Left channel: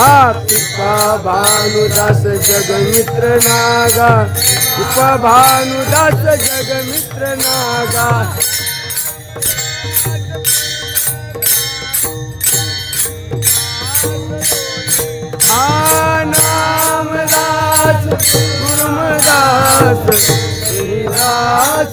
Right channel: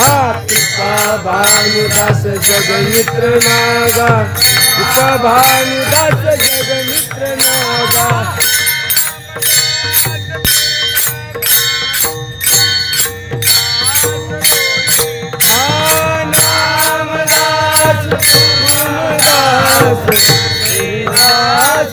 पिता भानुदास जगमित्र नागा उप भानुदास जगमित्र नागा. गुरुमदास श्रीदास